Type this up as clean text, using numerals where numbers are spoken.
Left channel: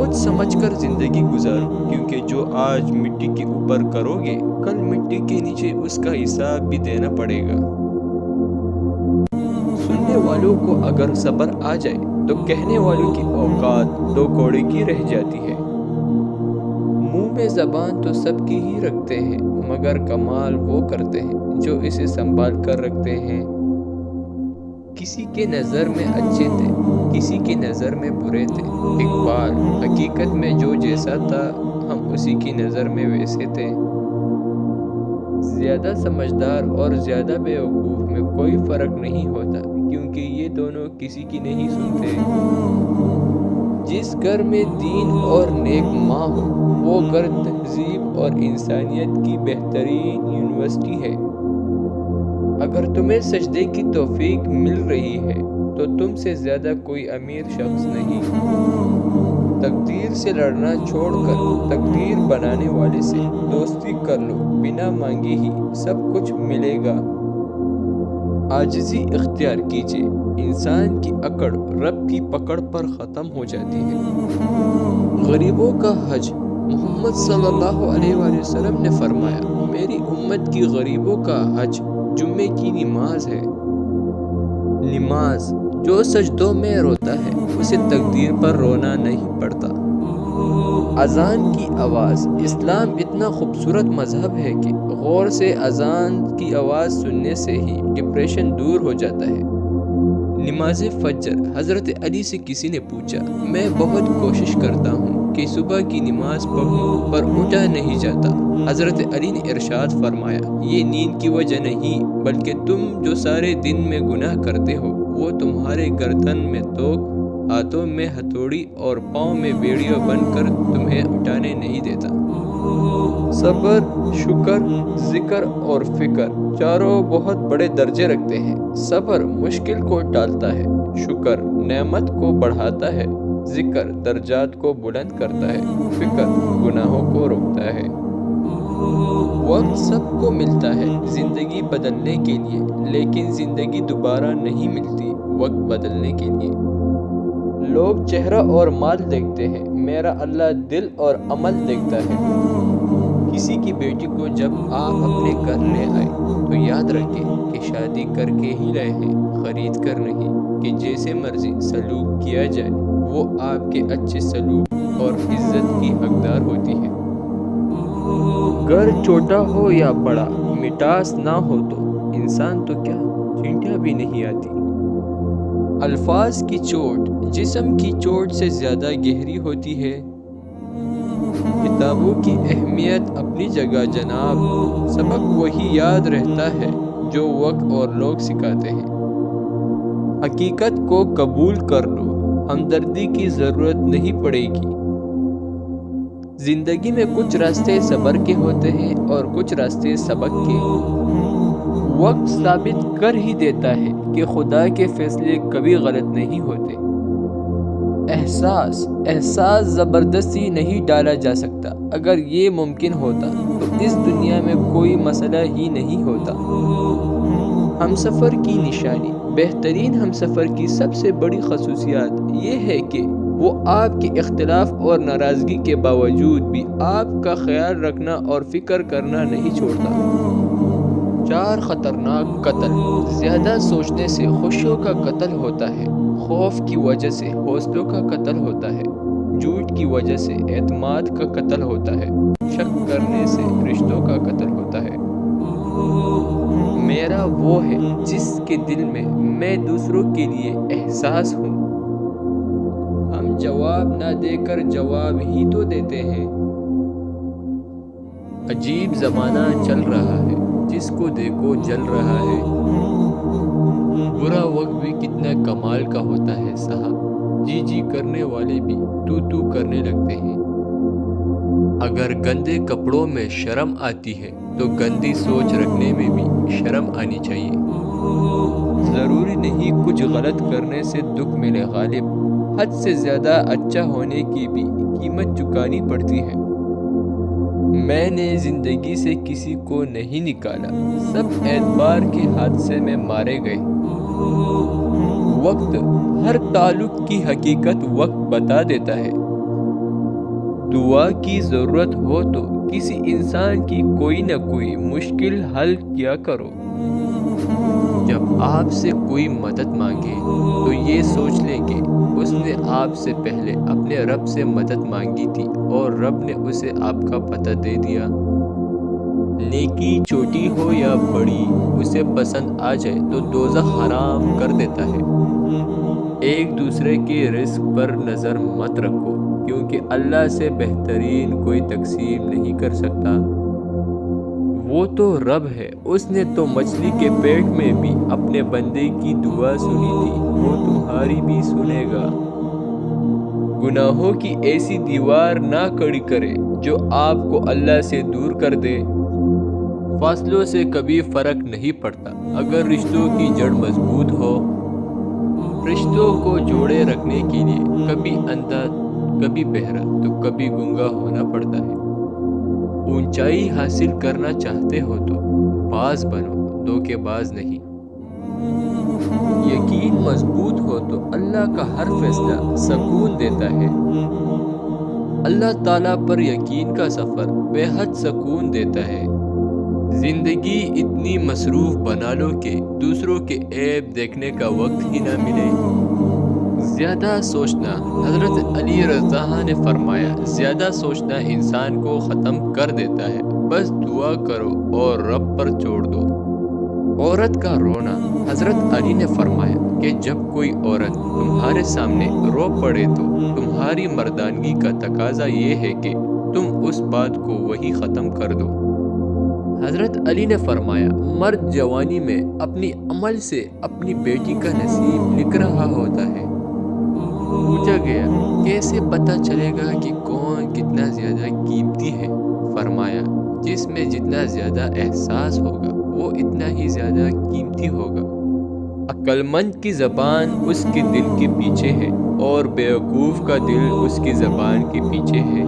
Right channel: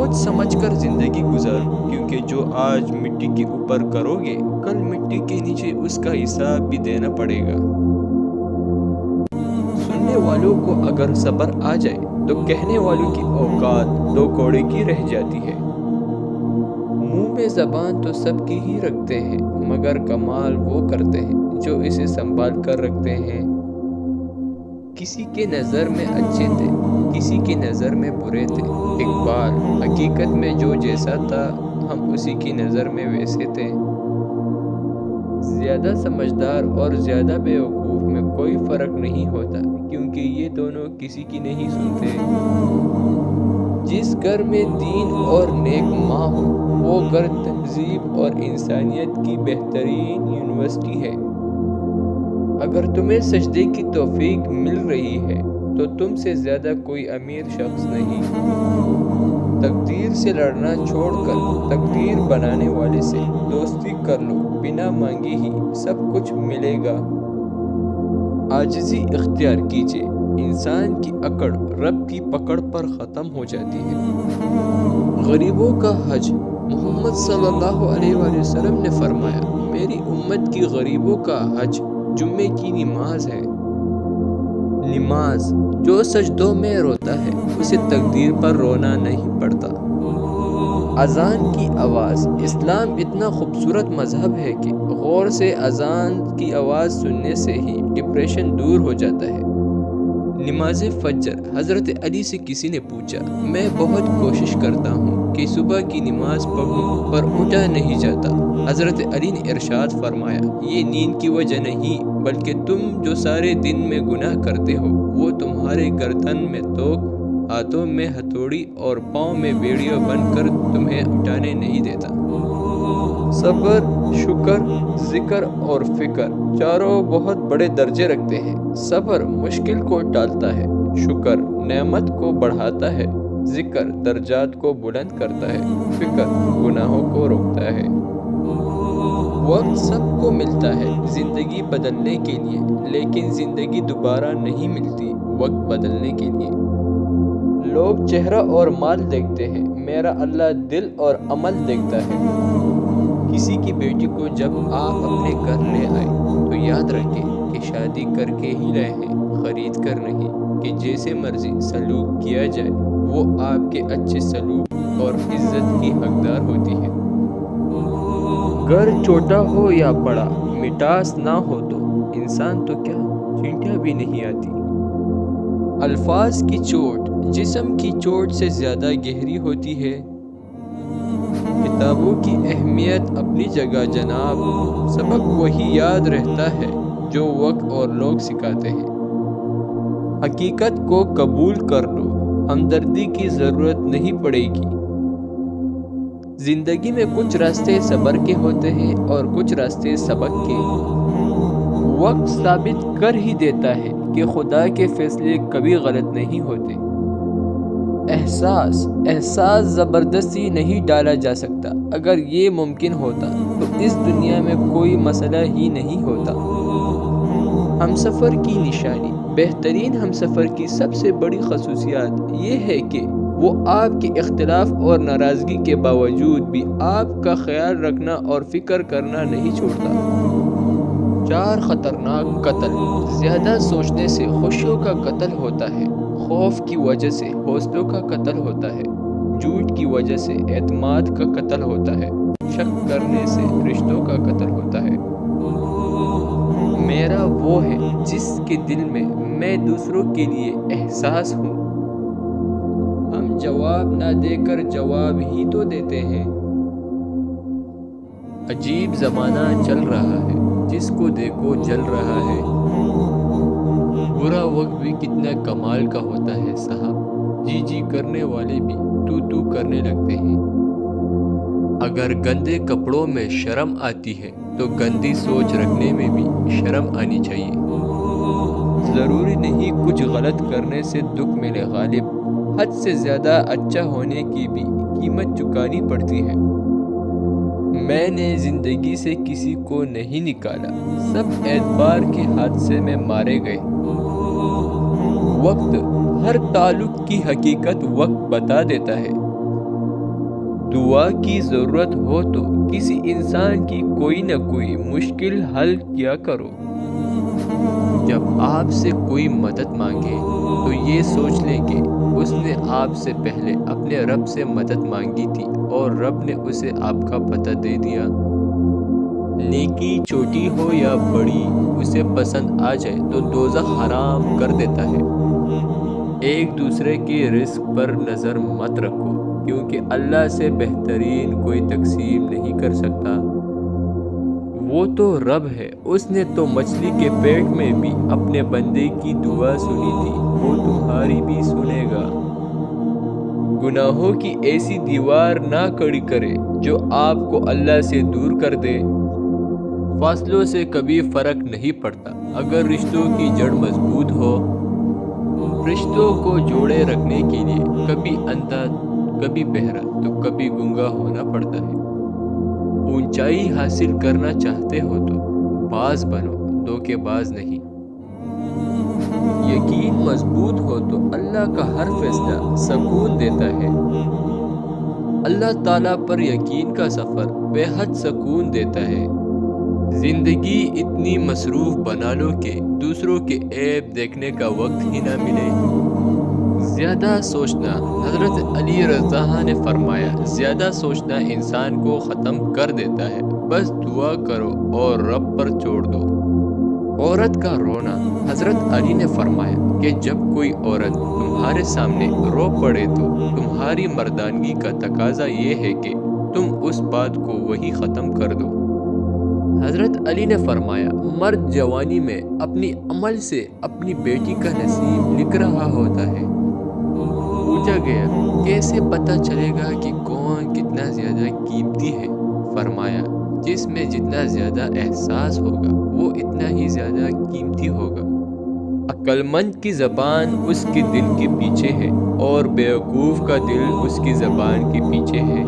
سوچ سمجھ کر زندگی گزارو، کیونکہ جو آج مٹی کے اوپر کرو گے کل مٹی کے نیچے اس کا حساب بھی دینا پڑے گا۔ سننے والوں کو اگر صبر آ جائے تو کہنے والوں کی اوقات دو کوڑے کی رہ جاتی ہے۔ منہ میں زبان تو سب کی ہی رکھتے ہیں، مگر کمال وہ کرتے ہیں جو اسے سنبھال کر رکھتے ہیں۔ کسی کے نظر میں اچھے تھے، کسی کی نظر میں برے تھے۔ اقبال: حقیقت میں جو جیسا تھا ہم اسی کی نظر میں ویسے تھے۔ زیادہ سمجھدار اور زیادہ بیوقوف میں کوئی فرق نہیں ہوتا، کیونکہ یہ دونوں کسی کی نہیں سنتے۔ جس گھر میں دین اور نیک ماں ہو وہ گھر تہذیب اور انسانیت کی بہترین یونیورسٹی ہے۔ اگر تمہیں سجدے کی توفیق مل رہی ہے تو تم سے زیادہ کوئی امیر شخص نہیں۔ تقدیر سے لڑنا چھوڑ کر تقدیر بنانے والے سے دوستی کر لو، بنا مانگے ہی سب کچھ ملے گا۔ عاجزی اختیار کیجیے، انسان کی اکڑ رب کی پکڑ پر ختم ہو جاتی ہے۔ غریبوں کا حج: محمد صلی اللہ علیہ وآلہ وسلم نے فرمایا، میری امت کی غریبوں کا حج جمعے کی نماز ہے۔ نماز: جو سجدوں میں روتا ہے اسے تقدیر پر رونا نہیں پڑتا۔ اذان کی آواز: اسلام اتنا خوبصورت مذہب ہے کہ غور سے اذان کی آواز سننے سے ہی ڈپریشن دور ہو جاتا ہے۔ نماز فجر: حضرت علی سے کسی نے پوچھا، میں بہت کوشش کرتا ہوں کہ صبح کی نماز پڑھوں پر اٹھا نہیں جاتا۔ حضرت علی نے ارشاد فرمایا، یہ نیند کی وجہ نہیں بلکہ تم جو سارے دن میں گناہ کرتے ہو وہ تمہارے گردن میں توق، ہاتھوں میں ہتھوڑی اور پاؤں میں بیڑیاں بن کر تمہیں اٹھانے نہیں دیتا۔ صبر، شکر، ذکر اور فکر چاروں بہت بڑے درجے رکھتے ہیں۔ صبر مشکل کو ٹالتا ہے، شکر نعمت کو بڑھاتا ہے، ذکر درجات کو بلند کرتا ہے، فکر گناہوں کو روکتا ہے۔ وقت سب کو ملتا ہے زندگی بدلنے کے لیے، لیکن زندگی دوبارہ نہیں ملتی وقت بدلنے کے لیے۔ لوگ چہرہ اور مال دیکھتے ہیں، میرا اللہ دل اور عمل دیکھتا ہے۔ کسی کی بیٹی کو جب آپ اپنے گھر لے آئے تو یاد رکھیں کہ شادی کر کے ہی لائے ہیں، خرید کر نہیں کہ جیسے مرضی سلوک کیا جائے وہ آپ کے اچھے سلوک اور عزت کی حقدار ہوتی ہے۔ گھر چھوٹا ہو یا بڑا، مٹاس نہ ہو تو انسان تو کیا چینٹیاں بھی نہیں آتی۔ الفاظ کی چوٹ جسم کی چوٹ سے زیادہ گہری ہوتی ہے۔ کتابوں کی اہمیت اپنی جگہ جناب، سبق وہی یاد رہتا ہے جو وقت اور لوگ سکھاتے ہیں۔ حقیقت کو قبول کر لو، ہمدردی کی ضرورت نہیں پڑے گی۔ زندگی میں کچھ راستے صبر کے ہوتے ہیں اور کچھ راستے سبق کے۔ وقت ثابت کر ہی دیتا ہے کہ خدا کے فیصلے کبھی غلط نہیں ہوتے۔ احساس زبردستی نہیں ڈالا جا سکتا۔ اگر یہ ممکن ہوتا تو اس دنیا میں کوئی مسئلہ ہی نہیں ہوتا۔ ہمسفر کی نشانی: بہترین ہمسفر کی سب سے بڑی خصوصیت یہ ہے کہ وہ آپ کے اختلاف اور ناراضگی کے باوجود بھی آپ کا خیال رکھنا اور فکر کرنا نہیں چھوڑتا۔ 4 خطرناک قتل: زیادہ سوچنے سے خوشیوں کا قتل ہوتا ہے، خوف کی وجہ سے حوصلوں کا قتل ہوتا ہے، جھوٹ کی وجہ سے اعتماد کا قتل ہوتا ہے، شک کرنے سے رشتوں کا قتل ہوتا ہے۔ میرا وہ ہے جس کے دل میں دوسروں کے لیے احساس ہوں۔ ہم جواب نہ دے کر جواب ہی تو دیتے ہیں۔ عجیب زمانہ چل رہا ہے، جس کو دیکھو جل رہا ہے۔ برا وقت بھی کتنا کمال کا ہوتا ہے صاحب، جی جی کرنے والے بھی تو تو کرنے لگتے ہیں۔ اگر گندے کپڑوں میں شرم آتی ہے تو گندی سوچ رکھنے میں بھی شرم آنی چاہیے۔ ضروری نہیں کچھ غلط کرنے سے دکھ ملے غالب، حد سے زیادہ اچھا ہونے کی بھی قیمت چکانی پڑتی ہے۔ میں نے زندگی سے کسی کو نہیں نکالا، سب اعتبار کے حادثے میں مارے گئے۔ وقت ہر تعلق کی حقیقت وقت بتا دیتا ہے۔ دعا کی ضرورت ہو تو کسی انسان کی کوئی نہ کوئی مشکل حل کیا کرو۔ جب آپ سے کوئی مدد مانگے تو یہ سوچ لیں کہ اس نے آپ سے پہلے اپنے رب سے مدد مانگی تھی اور رب نے اسے آپ کا پتہ دے دیا۔ نیکی چھوٹی ہو یا بڑی اسے پسند آ جائے تو دوزخ حرام کر دیتا ہے۔ ایک دوسرے کے رزق پر نظر مت رکھو کیونکہ اللہ سے بہترین کوئی تقسیم نہیں کر سکتا۔ وہ تو رب ہے، اس نے تو مچھلی کے پیٹ میں بھی اپنے بندے کی دعا سنی تھی، وہ تمہاری بھی سنے گا۔ گناہوں کی ایسی دیوار نہ کھڑی کرے جو آپ کو اللہ سے دور کر دے۔ فاصلوں سے کبھی فرق نہیں پڑتا اگر رشتوں کی جڑ مضبوط ہو۔ رشتوں کو جوڑے رکھنے کے لیے کبھی اندھا کبھی بہرا تو کبھی گنگا ہونا پڑتا ہے۔ اونچائی حاصل کرنا چاہتے ہو تو باز بنو، دھوکے باز نہیں۔ یقین مضبوط ہو تو اللہ کا ہر فیصلہ سکون دیتا ہے۔ اللہ تعالیٰ پر یقین کا سفر بے حد سکون دیتا ہے۔ زندگی اتنی مصروف بنا لو کہ دوسروں کے عیب دیکھنے کا وقت ہی نہ ملے۔ زیادہ سوچنا، حضرت علی رضی اللہ عنہ نے فرمایا، زیادہ سوچنا انسان کو ختم کر دیتا ہے، بس دعا کرو اور رب پر چھوڑ دو۔ عورت کا رونا، حضرت علی نے فرمایا کہ جب کوئی عورت تمہارے سامنے رو پڑے تو تمہاری مردانگی کا تقاضا یہ ہے کہ تم اس بات کو وہی ختم کر دو۔ حضرت علی نے فرمایا، مرد جوانی میں اپنی عمل سے اپنی بیٹی کا نصیب لکھ رہا ہوتا ہے۔ پوچھا گیا، کیسے پتہ چلے گا کہ کون کتنا زیادہ قیمتی ہے؟ فرمایا، جس میں جتنا زیادہ احساس ہوگا وہ اتنا ہی زیادہ قیمتی ہوگا۔ عقل مند کی زبان اس کے دل کے پیچھے ہے اور بیوقوف کا دل اس کی زبان کے پیچھے ہے۔